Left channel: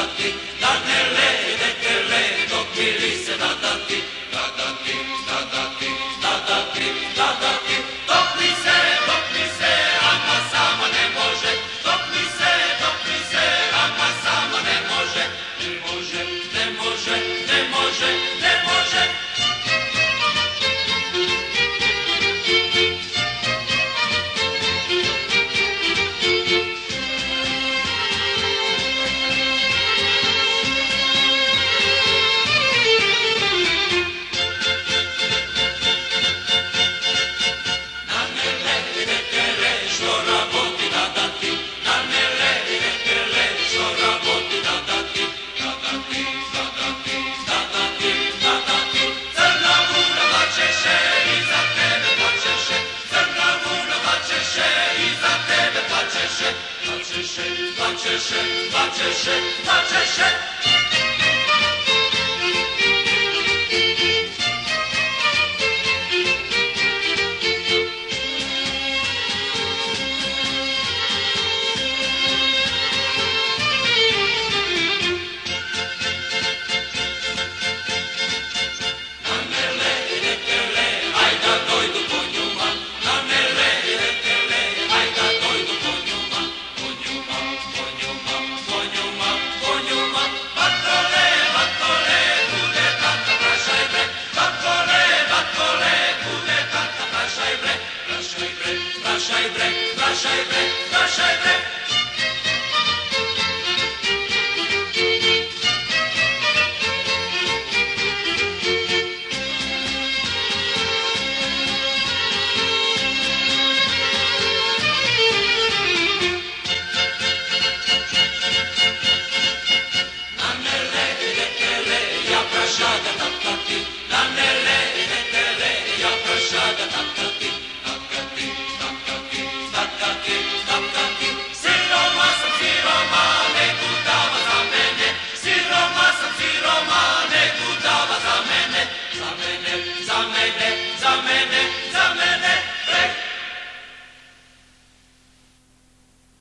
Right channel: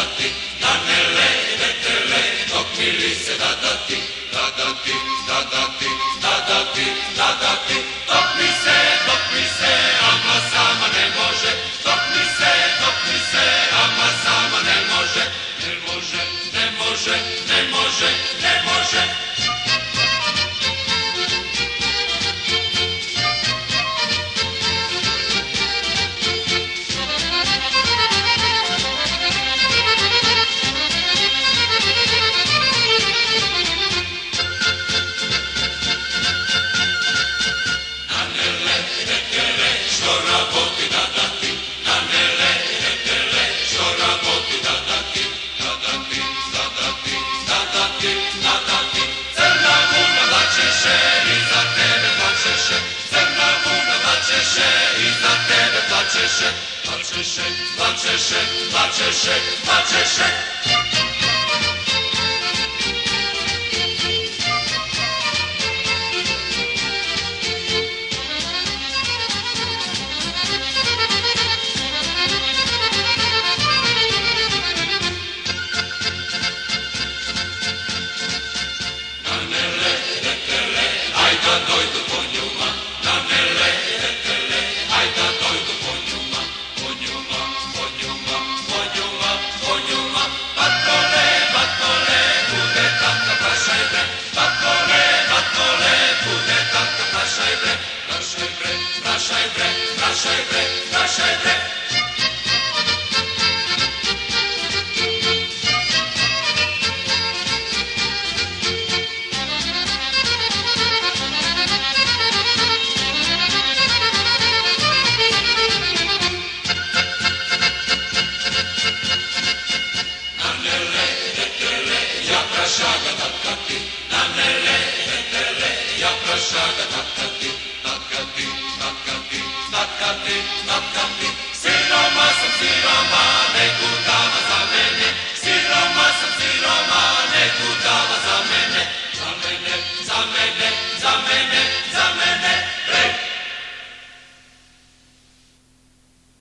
dati, da ne ledete le, dok mirise da dati, da dati, da dati, da dati, da dati, dok mi se, ama sama ne može, dok mi se, ama sama ne može, ne može, ne može, ne može, ne može. I za tebe plačeše, plačeše, plačeše, plačeše, plačeše. Na ne ledete le, aj da dojdu po njuma, na ne ledete le, aj da dojdu po njuma, po njuma, po njuma, po njuma, po njuma. Batole, batole, bude tata, prašaj bre, batole, batole, bude tata, prašaj bre, prašaj bre, prašaj bre, prašaj bre, prašaj bre. Prašaga tatkati, na ne ledete le, ja prašaga tatkati, tatkati, tatkati, tatkati, tatkati, siroma sam siroma.